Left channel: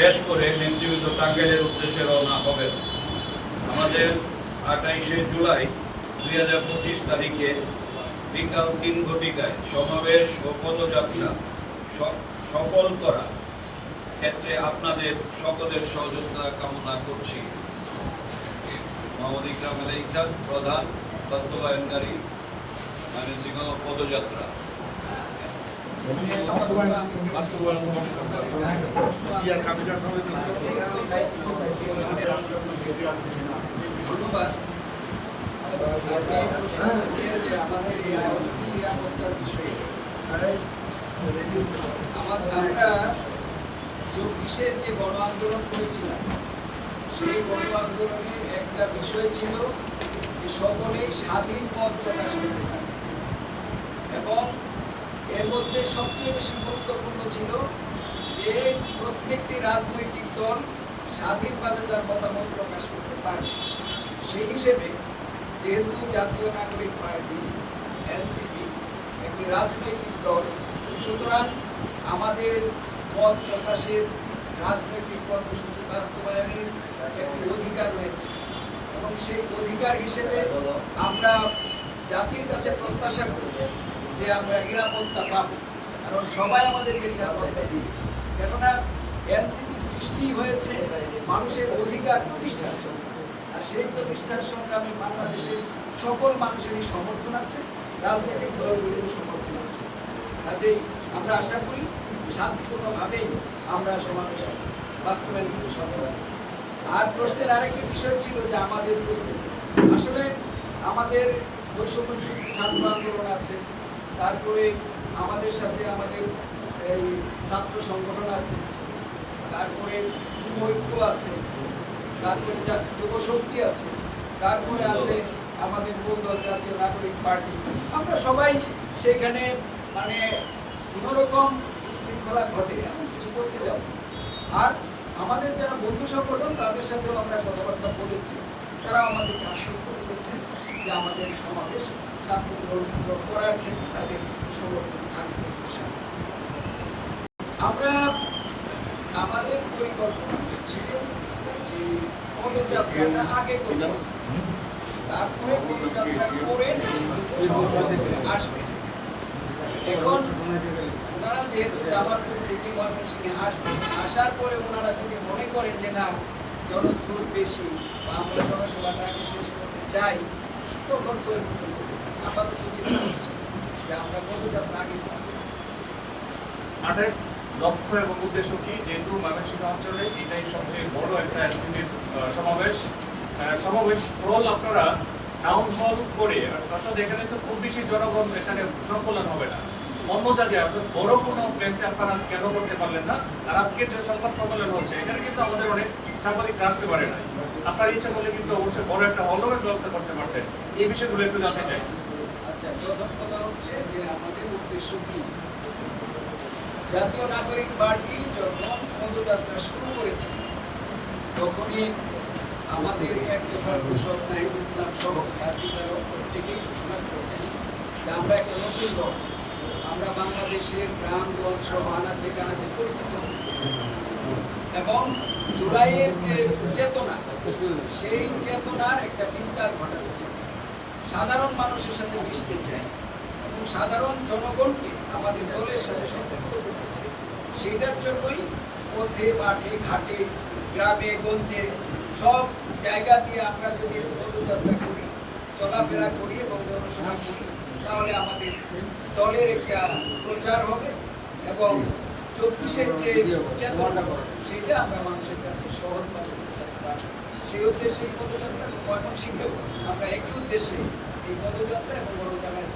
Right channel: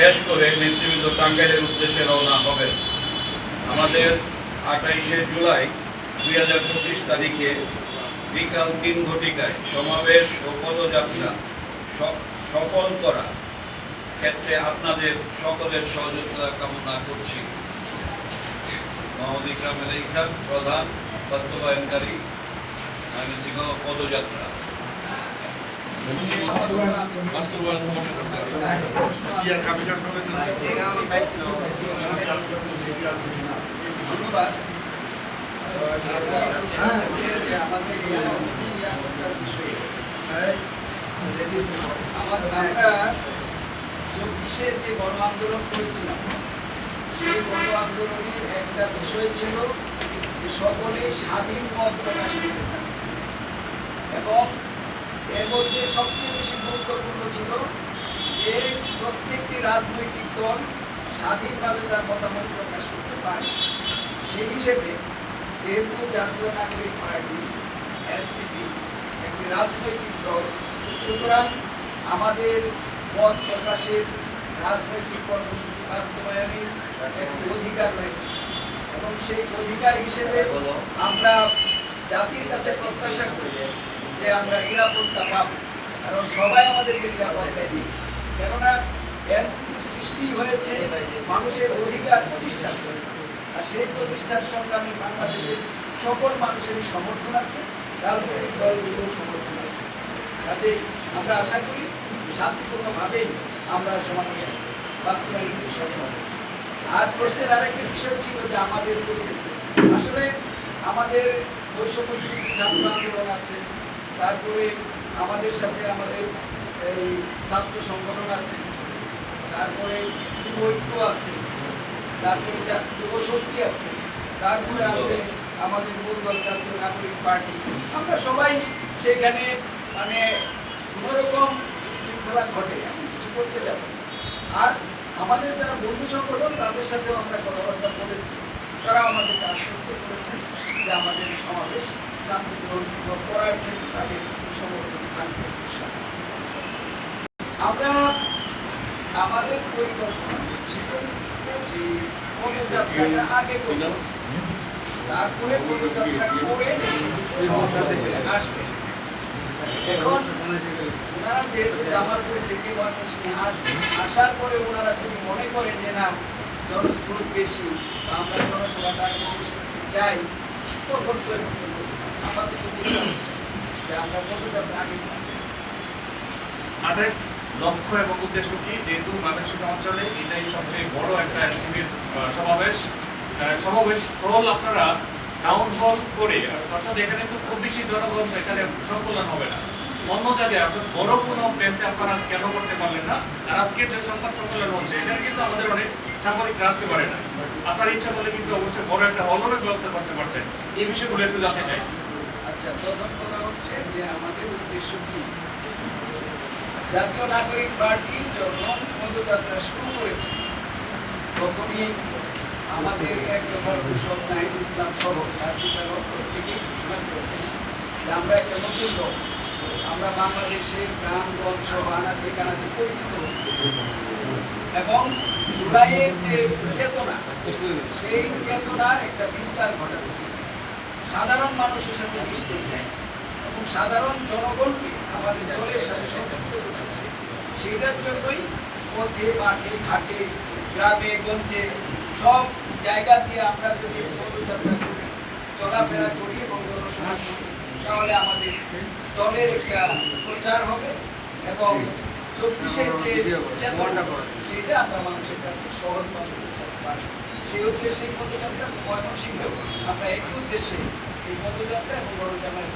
শেষ করে নেতৃবৃন্দ টাঙ্গাইলের উদ্দেশ্যে রওনা হবে। আমাদের 28শে জুলাই 2025 তারিখে বিকাল 3 ঘটিকায় সমাবেশ ও পদযাত্রা সফল করা ক্ষেত্রে আপনাদের সকলের সহযোগিতা কামনা করছি। মোহাম্মদ ইকরাম আলী খান, প্রধান বাস্তবায়নকারী ময়মনসিংহ পদযাত্রা। আমরা 24-এর যে গণ আন্দোলন করেছিলাম, সেই গণ আন্দোলনের একটা বিষয় ছিল যে সকলেই স্বাধীন মত প্রকাশ করতে পারে, এবং এর মধ্যে সবচেয়ে বেশি গুরুত্বপূর্ণ ছিল যে প্রত্যেকটি রাজনৈতিক দল স্বাধীনভাবে তার মতামত প্রকাশ করতে পারে। সেই হিসেবে যেহেতু জাতীয় নাগরিক পার্টি এনসিপি একটি রাজনৈতিক দল, সুতরাং আমাদের মত প্রকাশের রাজনৈতিক কর্মসূচি বাস্তবায়নের একটি অধিকার রয়েছে, এবং সেই অধিকার হিসেবে আমরা জাতির কাছে প্রত্যাশা করি যে আমরা নিরাপত্তা পাব, কারণ সবাই আমাদেরকে নিরাপত্তা দিবে। কেননা এনসিপি সৃষ্টি হয়েছে মানুষের অধিকার প্রতিষ্ঠা করে, আর সেই প্রতিষ্ঠার সংগ্রামে বাংলাদেশের সকল মানুষেরই সমর্থন আছে, রাজনৈতিক দলগুলোর সমর্থন আছে। কাজেই আমরা আশা করি শান্তিপূর্ণভাবেই আমরা সমাবেশ বাস্তবায়ন করতে সফল হব। আর প্রশ্নের আরেকটি বিষয় ছিল যে আমাদের উপস্থিতি, আসলে আমাদের বৈষম্যবিরোধী ছাত্র আন্দোলন আছে, তারপরে আমাদের সাথে আমাদের এই ছাত্র সংগঠন আছে, তারপরে যুব ঐক্য আছে, তারপরে যুব শক্তি আছে, তারপরে আছে আমাদের মূল দল জাতীয় নাগরিক পার্টি। আমরা সবাই সেখানে মানে কোনোরকম শৃঙ্খলা ঘটে এমন কিছু করতে যাব। আর আমাদের যারা বন্ধু সংগঠন তাদের সাথেও আমরা কথাবার্তা বলেছি, তারা আমাদেরকে আশ্বস্ত করেছে যে আমাদের সমাবেশ শান্তিপূর্ণ করার ক্ষেত্রে তাদের সমর্থন থাকবে। আমরা আমাদের পরিকল্পনা ছিল যে পদযাত্রাটা আগে করব, তারপরে পদযাত্রা করে আসবে। এখন ওনারা যেহেতু জামালপুর থেকে আসবে, আসার পরে ওনারা যদি মনে করেন যে না জনস্রোত বেশি বা আমরা জনসভাটা আগে শেষ করতে চাই, তখন পরিবর্তন করব। আপাতত চিন্তা হচ্ছে যে আমরা পদযাত্রা আগে আমাদের লক্ষ্য এবং উদ্দেশ্য কি, যেহেতু ময়মনসিংহ অঞ্চলে এটাই সবচেয়ে বড় একটা এনসিপির সমাবেশ স্থল আপনারা টাউন হল করে, অর্থাৎ এখানে তো খুব বেশি জনগণ এখানে সংকলন হবে না, অন্য জায়গায় আপনার বড় কোনো প্লেসে আপনারা কেন করতে পারলেন না? আর আজকের যে সংবাদ সম্মেলন হচ্ছে এখানে কিন্তু আমাদের অনেক সাংবাদিক আসতে পারে না, আপনার ইচ্ছা করলে কিন্তু অবশ্যই বড় একটা হলের ব্যবস্থা করতে পারতেন। এই বিষয়গুলো একটু জানতে চাই। আচ্ছা, প্রথম কথা হচ্ছে যে আমাদের উদ্দেশ্য কি, জাতীয় নাগরিক পার্টি যখন পদযাত্রা শুরু করেছে তখনই আমাদের এক দফার ঘোষক নাহিদ ইসলাম সহ সার্ভিসের থেকে ঘোষণা করেছেন যে আমরা একটা নতুন দল, আমরা বাংলাদেশের গ্রামগঞ্জ সহ আনাচে কানাচে পরিচিত, এবং জুলাইয়ের যে চেতনা, সেই চেতনার একটা বিস্তার ঘটাতে সাধারণ মানুষের সাথে মিশতে চায় এবং সাধারণ জনগণকে আমাদের দলের সাথে সম্পৃক্ত করতে চাই। সেটার জন্যই পথে মাঠে ঘাটে গ্রামে গঞ্জে সব জায়গা দিয়ে আমরা যদি পদযাত্রা করি, চলাফেরা করি এবং জনসভা করি, তাহলে আমাদের দলের একটা প্রচার হবে এবং 24-এর যে চেতনা সেটা আমরা মানুষের কাছে সহজভাবে পৌঁছাতে পারি। সেই উদ্দেশ্যে এই পদযাত্রা ময়মনসিংহ আমরা একই উদ্দেশ্যে এই পদযাত্রা এবং বড় জামায়াত